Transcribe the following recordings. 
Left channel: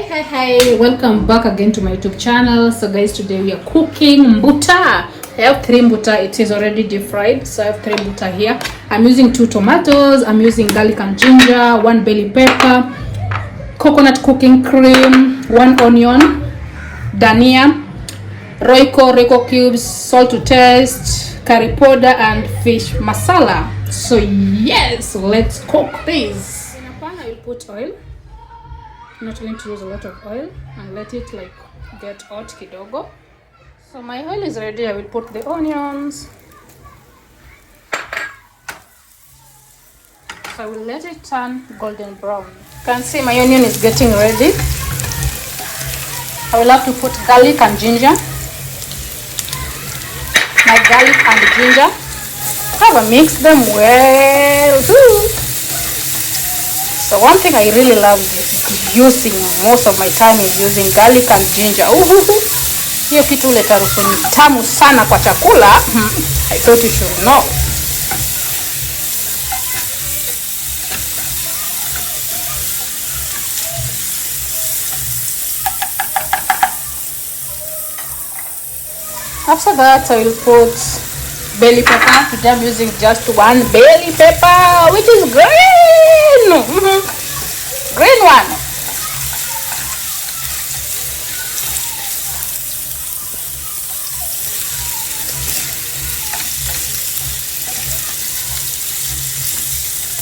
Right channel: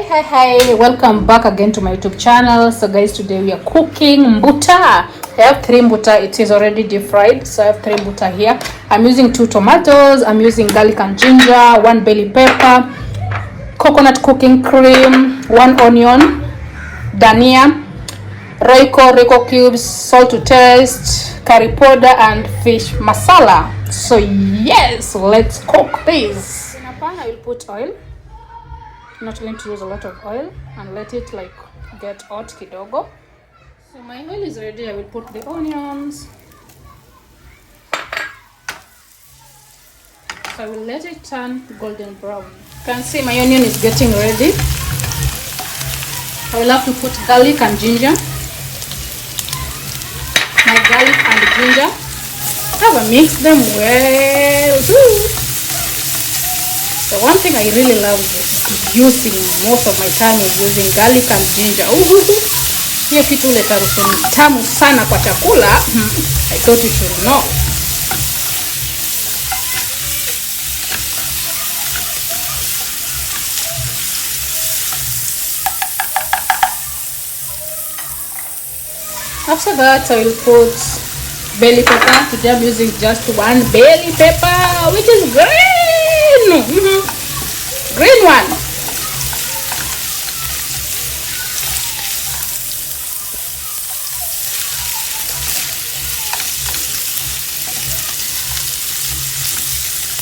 Hi, welcome back again to my YouTube channel. So guys, today we are cooking mbuta. I have 3 mbuta. It is already deep fried, so I have 3 mbuta here. I'm using 2 tomatoes, I'm using garlic and ginger, 1 bell pepper, coconut cooking cream, 1 onion, dania, royco cubes, salt to taste, curry powder and fish masala. So yes, let's cook this. In a pan I will put oil. I'm not going to use a lot of oil and let it like get hot kidogo. So my oil is ready. I will put the onions. So I will let it turn golden brown. You can see my onion is getting ready. I will have to put garlic and ginger. My garlic and ginger. I will mix them well too. So one thing I really love is using most of my time is using garlic and ginger. Hiyo kitu huleta harufu tamu sana kwa chakula. I thought you should know. After that, I will put bell pepper. Today I'm using just 1 bell pepper, which is green. Green one.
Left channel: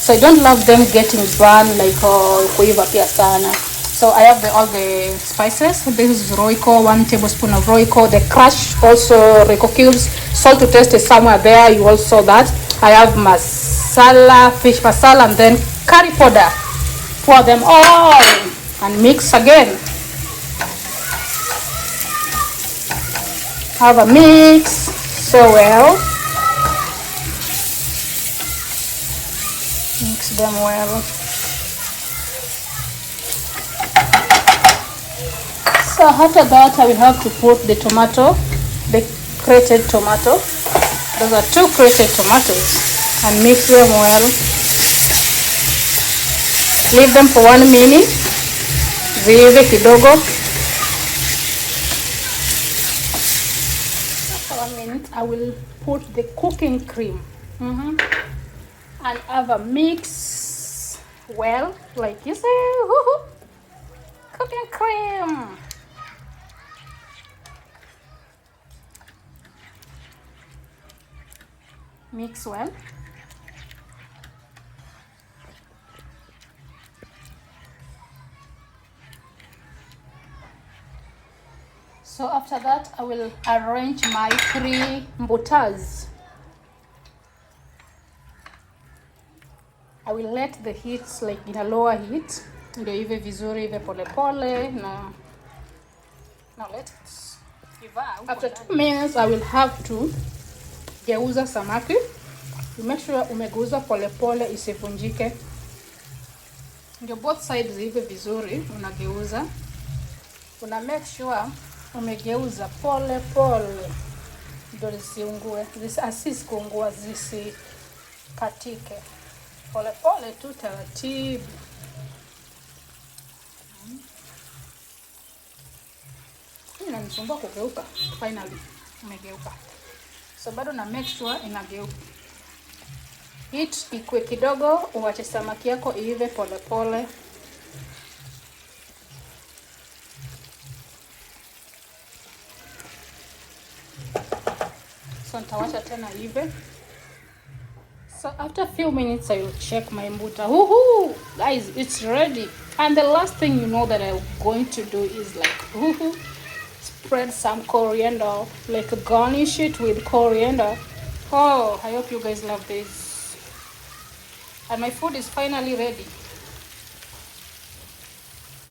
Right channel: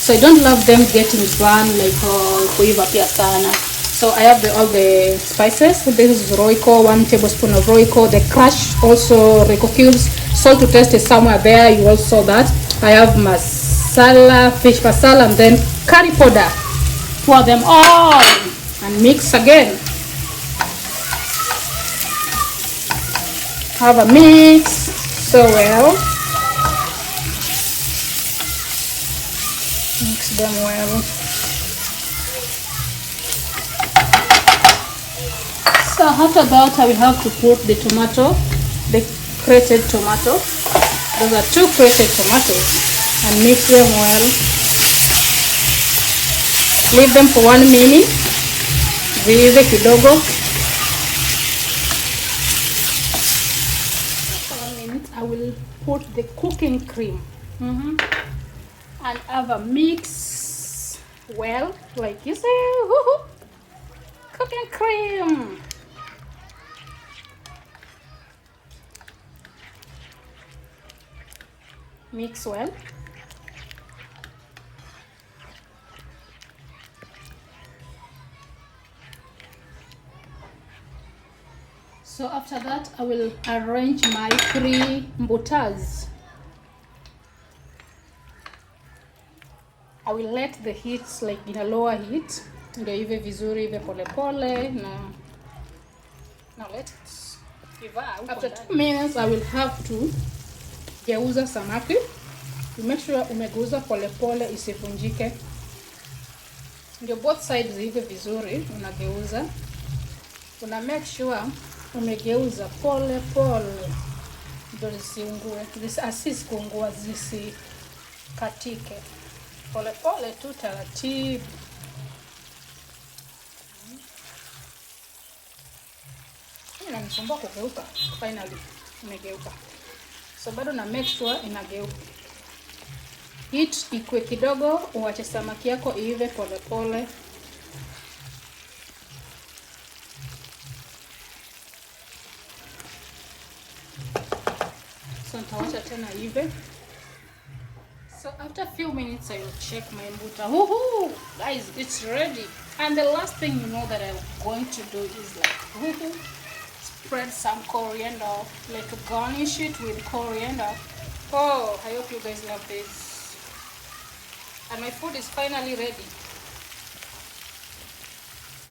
So I don't love them getting brown like kuiva pia sana. So I have all the spices. This is royco, 1 tablespoon of royco, the crushed also royco cubes, salt to taste is somewhere there. You also saw that. I have masala, fish masala, and then curry powder. Pour them all and mix again. Have a mix so well. Mix them well. So after that, I will have to put the tomato, the grated tomato. Those are 2 grated tomatoes, and mix them well. Leave them for 1 minute. Viive kidogo. For 1 minute, I will put the cooking cream and have a mix well, like you see. Cooking cream. Mix well. So after that, I will arrange my 3 mbutas. I will let the heat like in a lower heat. Ndio ive vizuri, ive pole pole. Now let it give. After 2 minutes, I will have to geuza samaki. You make sure umegeuza pole pole isivunjike. Ndio both sides ive vizuri, unageuza. Una make sure umegeuza pole pole ndio zisiungue, asikuungua, zisikatike. Pole pole tu, taratibu. Inanisumbua kugeuka. Finally imegeuka. So bado na make sure inageuka. Heat ikue kidogo, uache samaki yako iive pole pole. So nitawacha tena ive. So after a few minutes, I will check my mbuta. Guys, it's ready. And the last thing you know that I'm going to do is like spread some coriander, like garnish it with coriander. Oh, I hope you guys love this. And my food is finally ready.